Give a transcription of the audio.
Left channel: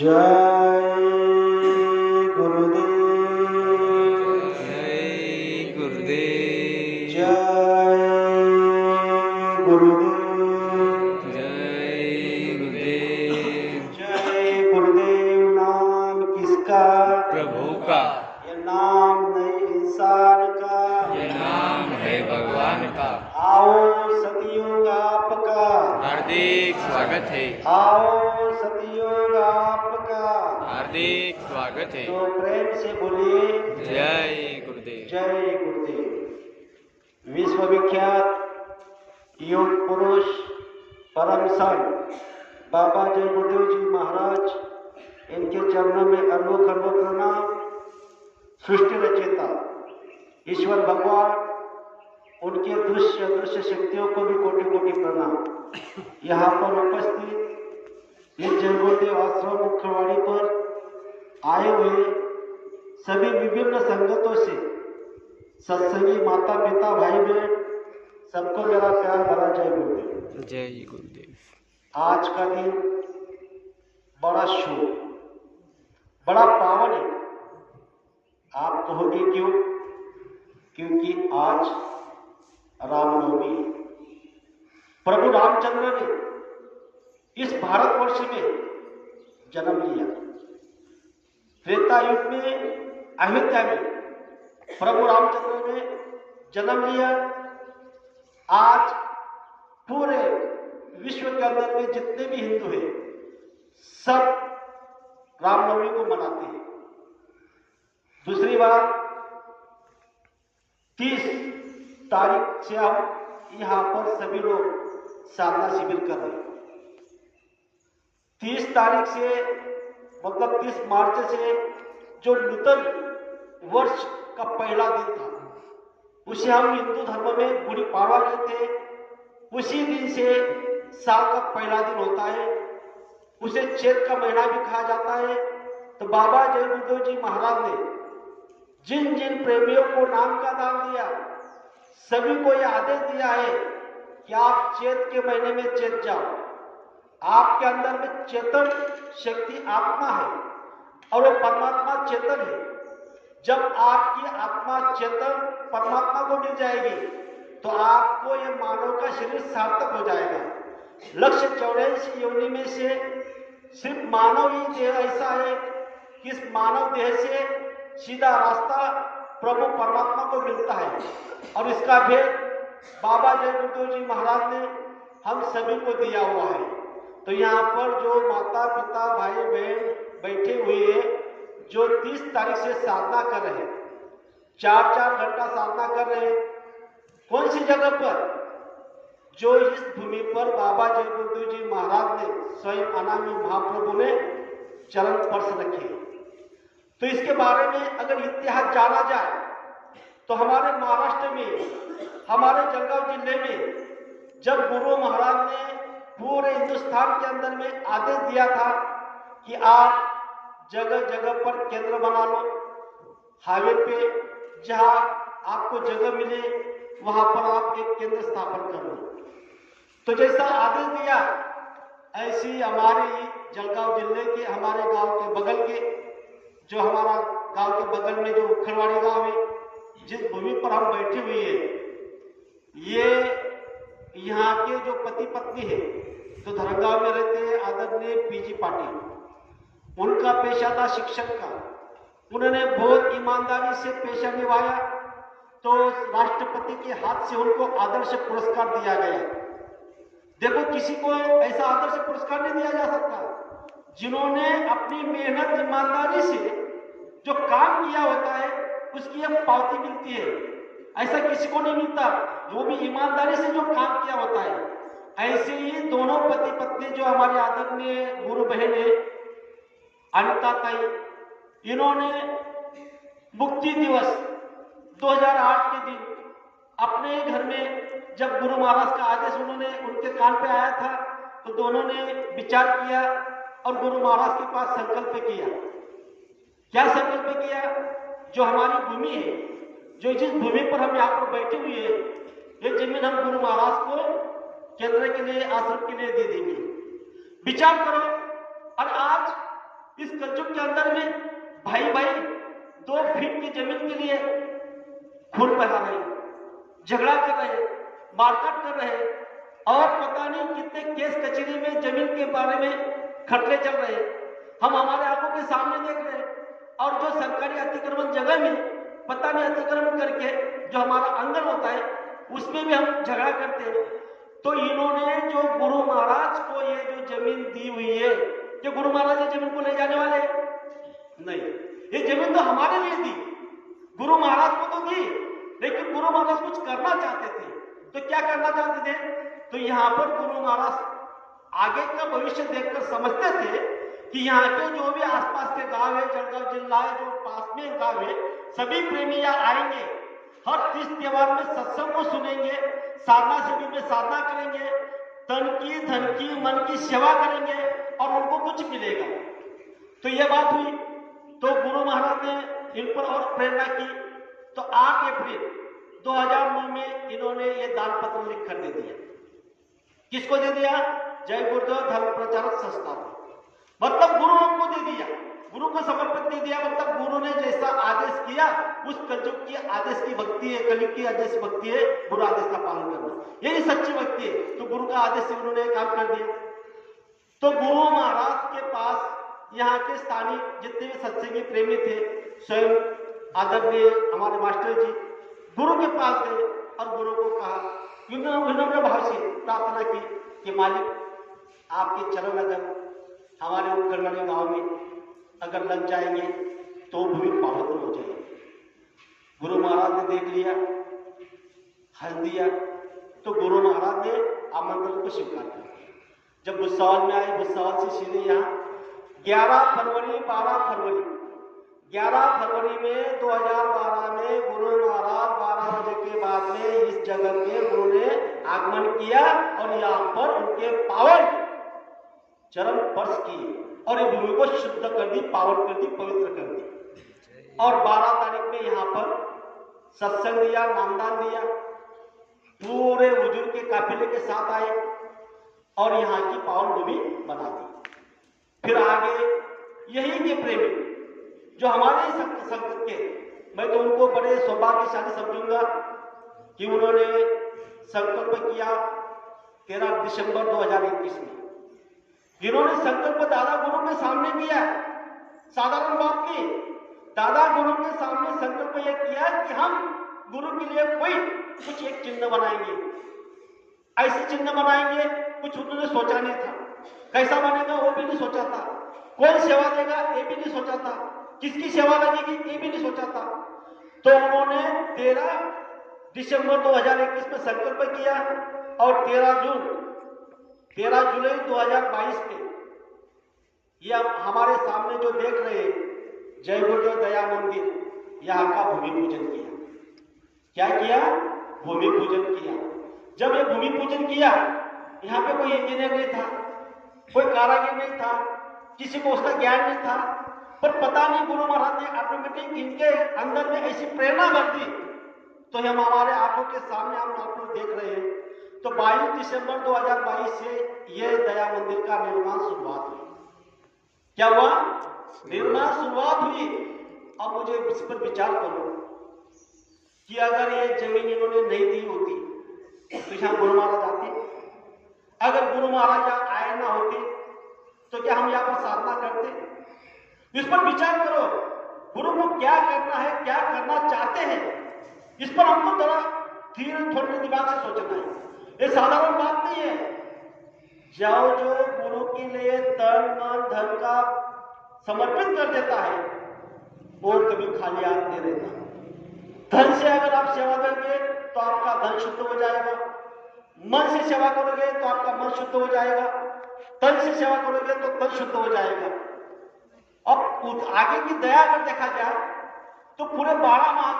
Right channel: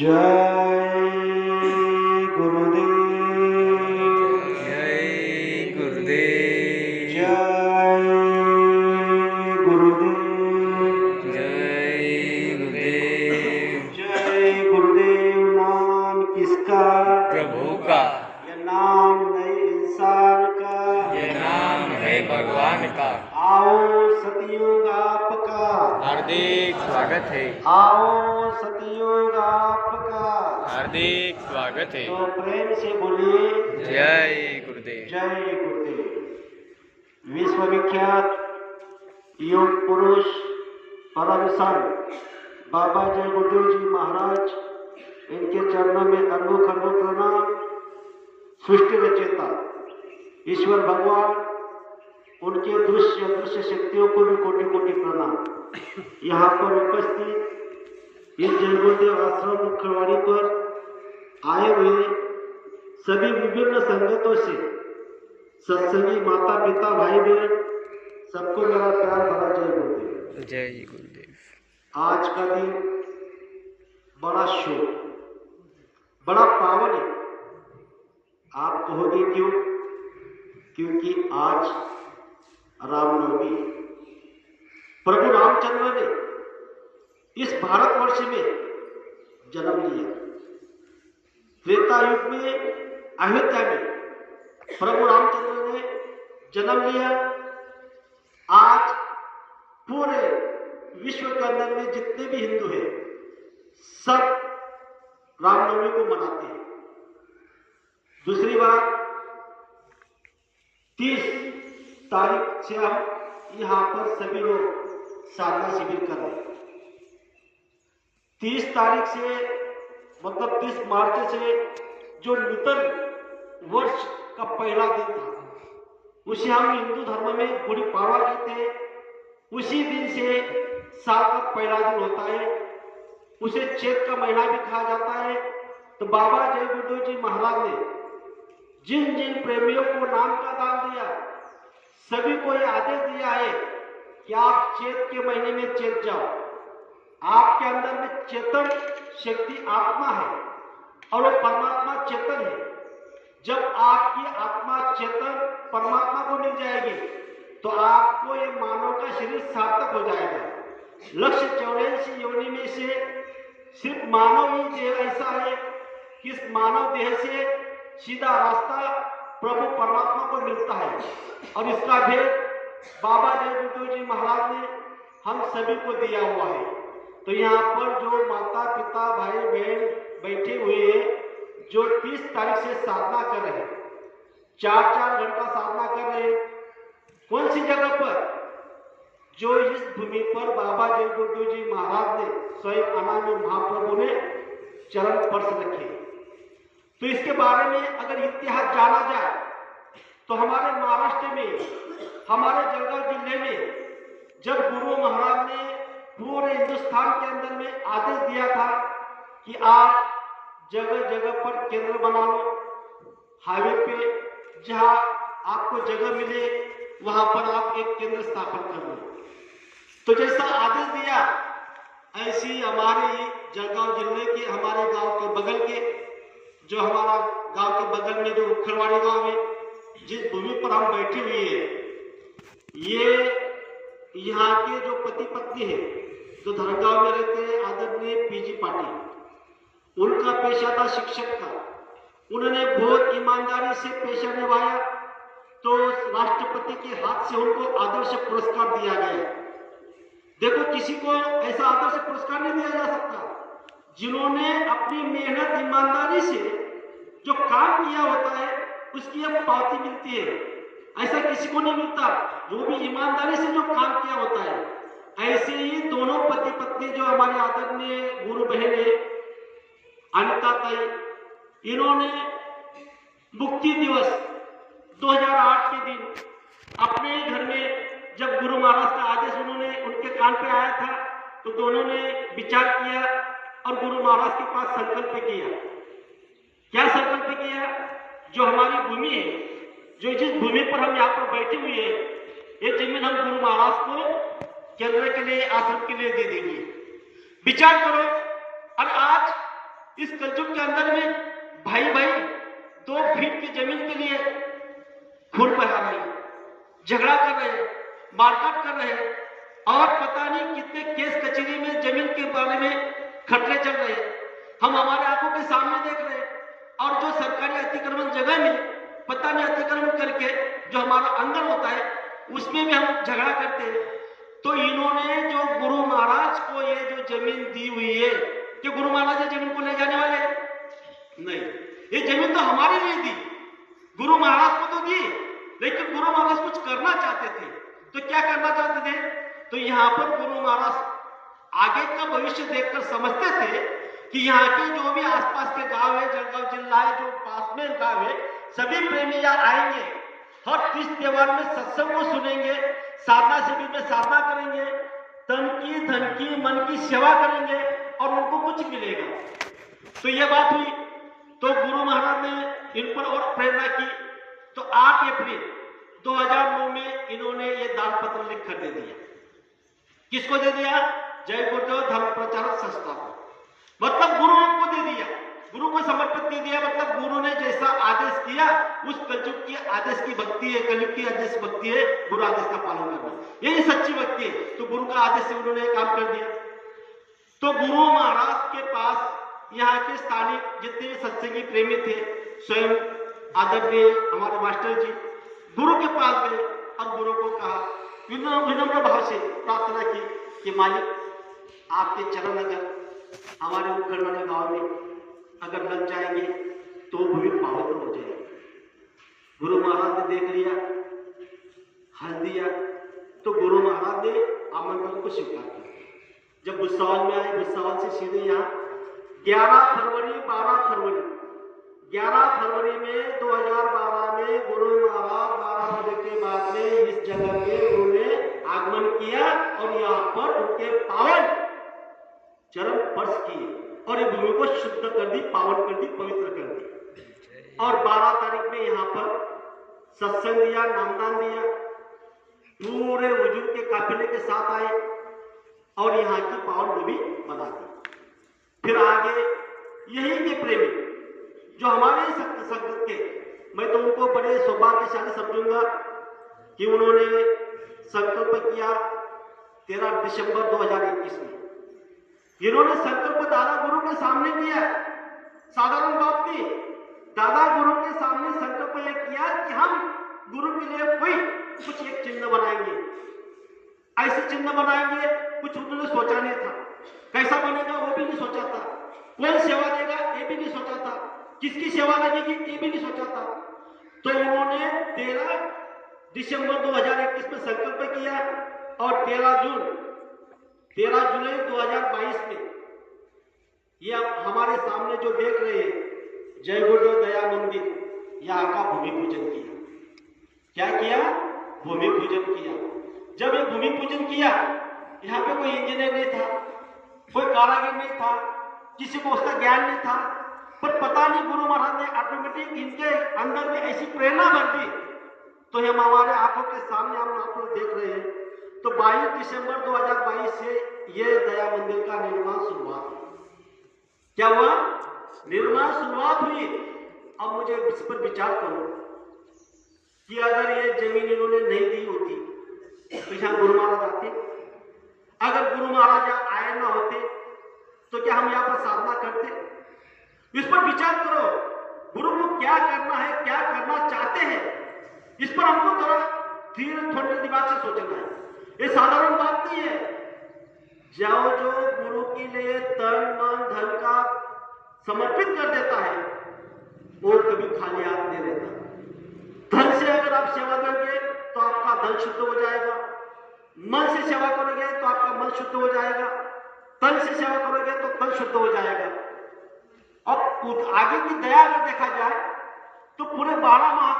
जय गुरुदेव। जय गुरुदेव। जय गुरुदेव। जय गुरुदेव। जय गुरुदेव। नाम किसका? प्रभु का। ये नाम नहीं इंसान का, ये नाम है भगवान का। आओ सतयुग आपका, हार्दिक स्वागत है। आओ सतयुग आपका, हार्दिक स्वागत है। तो प्रेम से बोलिए जय गुरुदेव। जय गुरुदेव। विश्वविख्यात योग पुरुष परम संत बाबा जय गुरुदेव जी महाराज, इनके चरणों में अनोख अनोख प्रणाम। सृष्टि रचेता ईश्वर भगवान, उनके दृश्य अदृश्य शक्तियों को भी कोटि कोटि प्रणाम। यहाँ पर उपस्थित इस जय गुरुदेव आश्रम मुख्यवाणी पर आए हुए सभी विभिन्न संगतों से, सत्संगी माता पिता भाई बहन, सबको मेरा प्यार भरा जय गुरुदेव। जय गुरुदेव। आज का दिन बड़ा शुभ, बड़ा पावन है। आप कहोगे क्यों? क्योंकि आज रामनवमी, प्रभु रामचंद्र ने इस भारतवर्ष में जन्म लिया। त्रेता युग में अयोध्या में प्रभु रामचंद्र ने जन्म लिया। आज पूरे विश्व के अंदर में जितने भी हिंदू हैं, सब रामनवमी को मनाते हैं। दूसरी बात, 30 तारीख से हम यहाँ पर सभी लोग साधना शिविर कर रहे हैं। 30 तारीख से मतलब 30 मार्च से जो नूतन वर्ष का पहला दिन था, उसे हम हिंदू धर्म में गुड़ी पाड़वा कहते हैं। उसी दिन से साल का पहला दिन होता है, उसे चैत का महीना भी कहा जाता है। तो बाबा जय गुरुदेव जी महाराज ने जिन जिन प्रेमियों को नाम का दान दिया, सभी को यह आदेश दिया है कि आप चैत के महीने में चैत जाओ। आपके अंदर में चेतन शक्ति आत्मा है और वो परमात्मा चेतन है। जब आपकी आत्मा चेतन परमात्मा को मिल जाएगी तो आपको ये मानव का शरीर सार्थक हो जाएगा। लक्ष्य 84 योनि में से सिर्फ मानव ही देह ऐसा है कि इस मानव देह से सीधा रास्ता प्रभु परमात्मा को मिलता है। और इसका भेद बाबा जय गुरुदेव जी महाराज ने हम सभी को दिया हुआ है। तो यहाँ पर जो माता पिता भाई बहन बैठे हुए हैं, जो 30 तारीख से साधना कर रहे हैं, 4-4 घंटा साधना कर रहे हैं, कौन सी जगह पर? जो इस भूमि पर बाबा जय गुरुदेव जी महाराज ने स्वयं अनामी महाप्रभु ने चरण स्पर्श रखे। तो इसके बारे में अगर इतिहास जाना जाए तो हमारे महाराष्ट्र में, हमारे जलगांव जिले में, जब गुरु महाराज ने पूरे हिंदुस्तान के अंदर में आदेश दिया था कि आप जगह जगह पर केंद्र बना लो, हाईवे पे जहां आपको जगह मिले वहां पर आप एक केंद्र स्थापन कर लो। तो जैसा आदेश दिया, ऐसी हमारे जलगांव जिले के, हमारे गांव के बगल के, जो हमारा गांव के बगल में जो उखड़वाड़ी गांव है, जिस भूमि पर हम बैठे हुए हैं, ये यहाँ के जो पति पत्नी है, जो धर्मगांव में रहते हैं, आदरणीय पीजी पाटिल, उनका पेशा था शिक्षक का। उन्होंने बहुत ईमानदारी से पेशा निभाया, तो राष्ट्रपति के हाथ से उनको आदर्श पुरस्कार दिया गया। देखो, किसी को ऐसा आदर्श पुरस्कार नहीं दिया जा सकता जिन्होंने अपनी मेहनत ईमानदारी से जो काम किया होता है उसकी एक पावती मिलती है। ऐसा किसी को नहीं मिलता जो भी ईमानदारी से जो काम किया होता है। ऐसे ही दोनों पति पत्नी जो हमारे आदरणीय गुरु बहन है अमिता ताई, इन्होंने मुक्ति दिवस 2008 के दिन अपने घर में, जब गुरु महाराज का आदेश उन्होंने उनके कान पे आया था, तो दोनों ने विचार किया और गुरु महाराज के पास संकल्प किया। क्या संकल्प किया? जो हमारी भूमि है, जो जिस भूमि पर हम यहाँ पर बैठे हुए हैं, ये जमीन हम गुरु महाराज को केंद्र के लिए, आश्रम के लिए दे देंगे। विचार करो। और आज इस कलयुग के अंदर में भाई भाई 2 फीट की जमीन के लिए खून बहा रहे हैं, झगड़ा कर रहे हैं, मारकाट कर रहे हैं और पता नहीं कितने केस कचहरी में जमीन के बारे में खटले चल रहे हैं। हम हमारे आंखों के सामने देख रहे हैं। और जो सरकारी अतिक्रमण जगह में पता नहीं अतिक्रमण करके जो हमारा आंगन होता है उसमें भी हम झगड़ा करते हैं। तो इन्होंने जो गुरु महाराज को ये जो जमीन दी हुई है कि गुरु महाराज ये जमीन को ले जाने वाले नहीं, ये जमीन तो हमारे लिए दी, गुरु महाराज को तो दी, लेकिन गुरु महाराज कुछ करना चाहते थे। तो क्या करना चाहते थे? तो यहाँ पर गुरु महाराज आगे का भविष्य देखकर समझते थे कि यहाँ के जो भी आसपास के गांव है, जलगांव जिला है, जो पास में गांव है, सभी प्रेमी यहाँ आएंगे, हर तीज त्योहार में सत्संग को सुनेंगे, साधना शिविर में साधना करेंगे, तन की धन की मन की सेवा करेंगे और उनको कुछ मिलेगा। तो यह बात हुई। तो गुरु महाराज ने इन पर और प्रेरणा की। तो 8 अप्रैल 2009 में इन्होंने ये दान पत्र लिखकर दे दिया। किसको दे दिया? जय गुरुदेव धर्म प्रचारक संस्था को, मतलब गुरुओं को दे दिया, गुरु को समर्पित दे दिया। मतलब गुरु ने जैसा आदेश किया, उस कलयुग की आदेश की भक्ति है, कलयुग की आदेश भक्ति है, गुरु आदेश का पालन करना, यही सच्ची भक्ति है। तो गुरु का आदेश से उन्होंने काम कर दिया। तो गुरु महाराज के पास यहाँ के स्थानीय जितने सत्संगी प्रेमी थे, स्वयं आदरणीय हमारे मास्टर जी गुरु के पास गए और गुरु को कहा, विनम्र भाव से प्रार्थना की कि मालिक आपके चरण अगर हमारे उपकरणीय गांव में अगर लग जाएंगे तो भूमि पवित्र हो जाएगी। गुरु महाराज ने देख लिया, हंस दिया। तो गुरु महाराज ने आमंत्रण को स्वीकार किया। जब भुसावल में आए, भुसावल से सीधे यहाँ 11 फरवरी 12 फरवरी 11 फरवरी में 2012 में गुरु महाराज 12 बजे के बाद में इस जगह में गुरु ने आगमन किया और यहाँ पर उनके पावन चरण स्पर्श किए और ये भूमि को शुद्ध कर दी, पावन कर दी, पवित्र कर दी। और 12 तारीख में यहाँ पर सत्संग दिया, नामदान दिया, पूरे बुजुर्ग के काफिले के साथ आए और यहाँ की पावन भूमि बना दी। फिर आगे यही के प्रेमी जो हमारे संगत के, मैं तो उनको बड़े सौभाग्यशाली समझूंगा कि उन्होंने संकल्प किया 13 दिसंबर 2021 में। इन्होंने संकल्प दादा गुरु के सामने किया, साधारण बात नहीं, दादा गुरु के सामने संकल्प यह किया कि हम गुरु के लिए कोई कुछ एक चिन्ह बनाएंगे, ऐसे चिन्ह बनाएंगे। कुछ उन्होंने सोचा नहीं था, कैसा बनेगा वो भी नहीं सोचा था, कौन सेवा देगा ये भी नहीं सोचा था, किसकी सेवा लगेगी ये भी नहीं सोचा था। तो उन्होंने 13 दिसंबर 2021 में संकल्प किया और 13 जुलाई 2022 में ये हमारे सामने जो देख रहे हैं जय गुरुदेव दया मंदिर, यहाँ का भूमि पूजन किया। क्या किया? भूमि पूजन किया। जब ये भूमि पूजन किया, यहाँ पे कोई इंजीनियर नहीं था, कोई कारीगर नहीं था, किसी को उसका ज्ञान नहीं था, पर पता नहीं गुरु महाराज ने ऑटोमेटिक इनके अंदर में ऐसी प्रेरणा भर दी। तो हम हमारे आंखों के सामने हम आप लोग देख रहे हैं। तो 22 दिसंबर 2022 से ये दया मंदिर का निर्माण शुरुआत हुई। क्या हुआ? निर्माण शुरुआत हुई। अब मुझे इस पर विचार करो कि अगर ये जमीन इन्होंने नहीं दी होती तो यहाँ गुरु महाराज आते? अगर गुरु महाराज यहाँ आए ना होते तो क्या हम यहाँ पर साधना करते? इस पर विचार करो, गुरु को क्या करना है, क्या करना चाहते हैं, इस पर हमको थोड़ा धीरे थोड़े दिमाग से सोचना है। ये साधारण बात नहीं है। जाओ जो गुरु के लिए तन मन धन का समर्पित कर देता है वो कभी खाली हाथ नहीं रहता। धन से अगर आप सेवा देंगे तो आपका धन शुद्ध हो जाएगा, मन से सेवा करोगे तो आपका मन शुद्ध हो जाएगा, तन से सेवा करोगे तो तन शुद्ध हो जाएगा। अब आगे की दया अगर देखा जाए तो पूरे 12 माह